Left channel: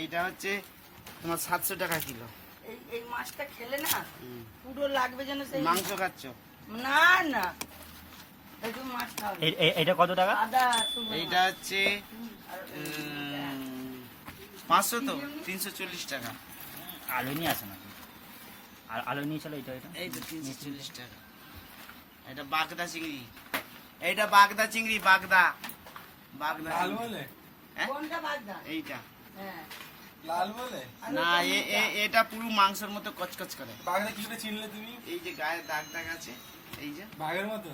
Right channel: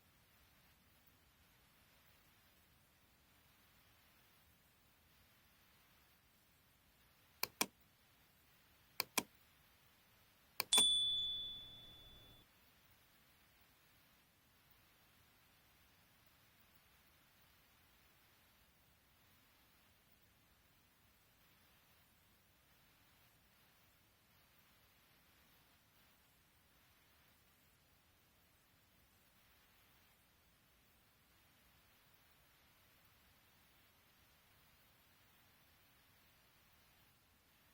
এইটা হচ্ছে তোমার 700 টাকা কিলো। এই মাছটা খেলে না পুরো লাগবে যেন সেই মাংস খাচ্ছ? না না, একটু মাছ খাও। এটা কত টাকা? এইটা হচ্ছে 500 তো 340 টাকা। আলু নিয়ে আসে নাকি? আলু নিয়ে চলো। এই তো 340 টাকা। এটা বাগদা চিংড়ি, এইটা বাগদা চিংড়ি, বাগদা লাল বলে? কোনটা বাগদা? এইটা হ্যাঁ লাল বলে? না, এটা পুরো মাংসের মতো কচকচ করে। বাঘটা কি করে চিনলে তুমি? এই যে গায়ে দাগ দাগ আছে, এই যে বাঘের মতো?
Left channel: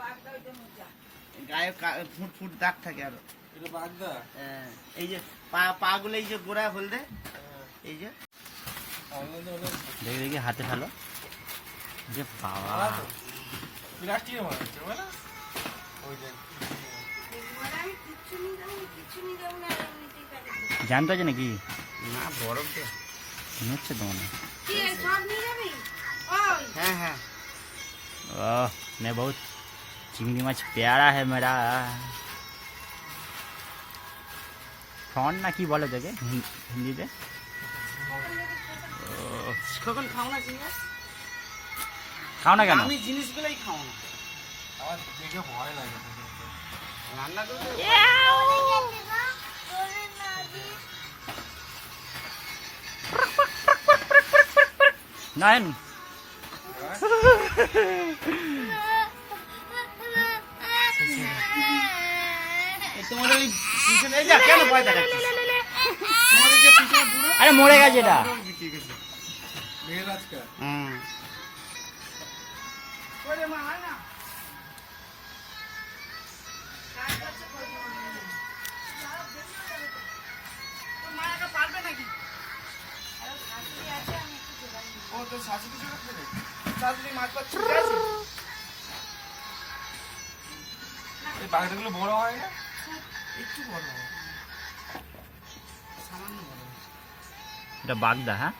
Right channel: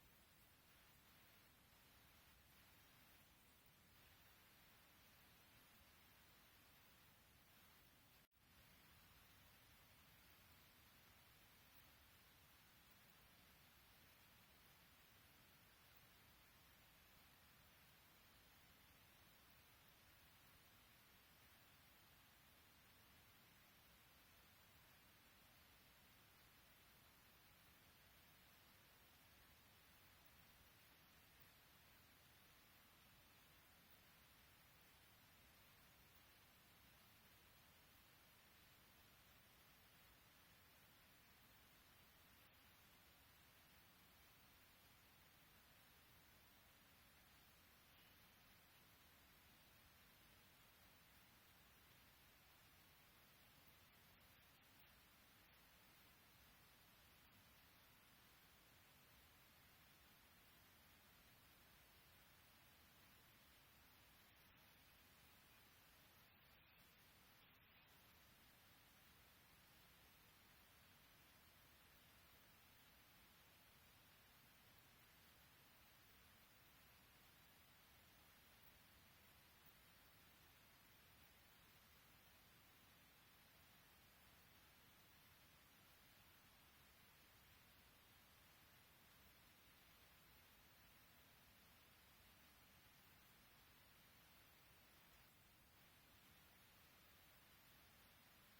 বাগদা ওইটা মোচা। গায়ে ফুট ফুট দাগ থাকে আরো। এটা বাঘদা? এই যে পা গুলো এই যে গোড়া হলদে, এই যে দেখি হাতে ফেলো। যে বাবা, প্লাস্টিকের মনে হচ্ছে বলো? ওই যে জানতে আছে নাকি? না, বরফ দে হচ্ছে তো মনে। হ্যাঁ হ্যাঁ। ओह, मैं बहुत चिंगड़ी माछ प्यारा है मेरा। ফন না কি বলে তোকে হিন্দিতে? কখন খাও না জিনিস? খাও না কেন? আমি জিনিসগুলোই খাও না। আমার দেখে ভয় লাগে রান্না করতে নয়ন তোমার ওই পিছনে এই যা কেন ভয় দেখাচ্ছিস? তোমার এই যে পিছনে পুরো আরে মরে গেছে এটা। মেয়ের আজকাল ওরে মা হয় না। মায়াটা পারবে নাকি? ও তো শাশুড়ি ছিল ফেলে শাশুড়ি মাছ পাচ্ছে। এই বাঘটাগুলো বড় হয় না? একটু বড় হয়, সামান্য বড়। এটা বাগদা। হ্যাঁ,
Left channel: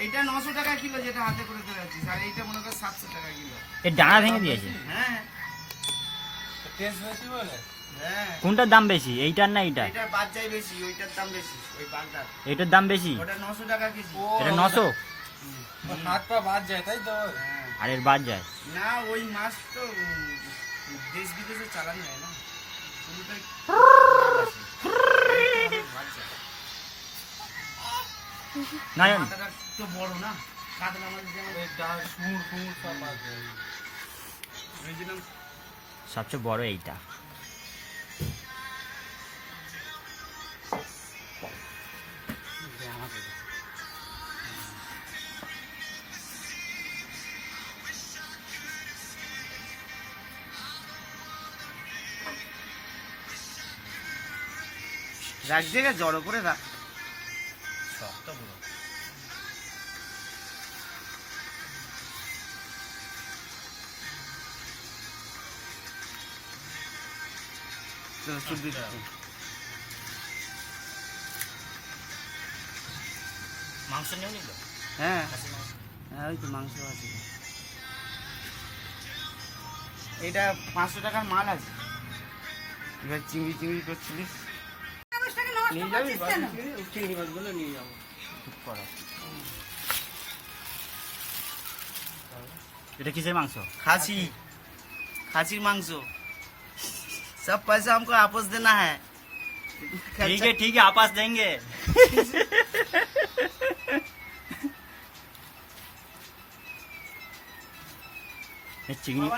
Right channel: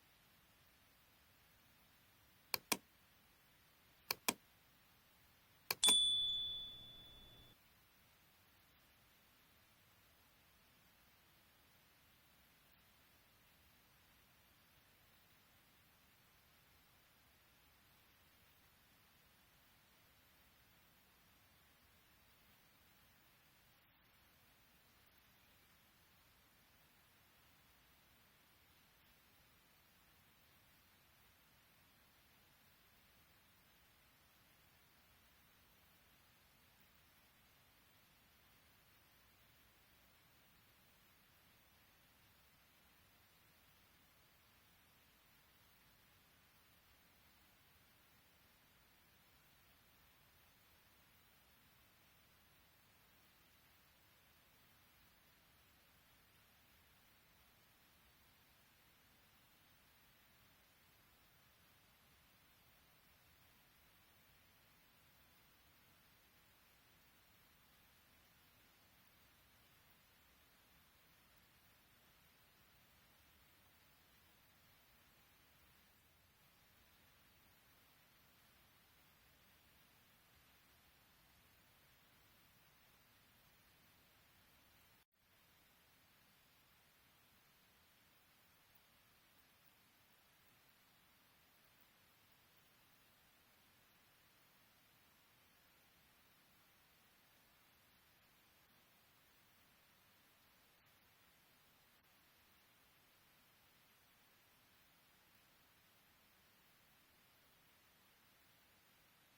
এইটা 900 টাকা কিলো যেটা হাতে করে ধরে আছিস, আর এইটা মনে কর 700 টাকা কিলো। এর ডানা ভেঙে দিয়েছে। হ্যাঁ টেস্ট বেশি বলে? হ্যাঁ, কোনটার দাম বেশি, এইটার না এইটার? এটার বাদ যায় বেশি, ওইটার দাম বেশি। ওই বাগদার এইটার দাম বেশি। ওটা 900 টাকা কেজি। এটা 900 হাত পা বাদ যায় তাই তো? হ্যাঁ। আর এর বাদ যায়। না, ওই মাছ তো দেশ বিদেশে চালানো যায় না, পুরোটাই নয়ন মাথাটা তো বড় না, কাতলা মাছ যেমন এই ডাল সুর ফুর সব বাদ যায়। ভেবেছিলাম। সবচেয়ে বড় এইটা। রাখ জায়গায় জড়ো করে রাখ। শক্ত পুরো। মাংস নিও নিল। হ্যাঁ হ্যাঁ, ওই তো মাংস আছে। এটা 500 টাকার মাল আছে। এবার চিংড়ি চিংড়ি করছিলিস, নিয়ে যাবি? চিংড়ি মাছগুলো নিয়ে যাবো। এটা কিসের মাংস? खांसी, खांसीर मांस। सब पैसा हमको वापस देना है। ठीक है आपस देंगे। चिंगड़ी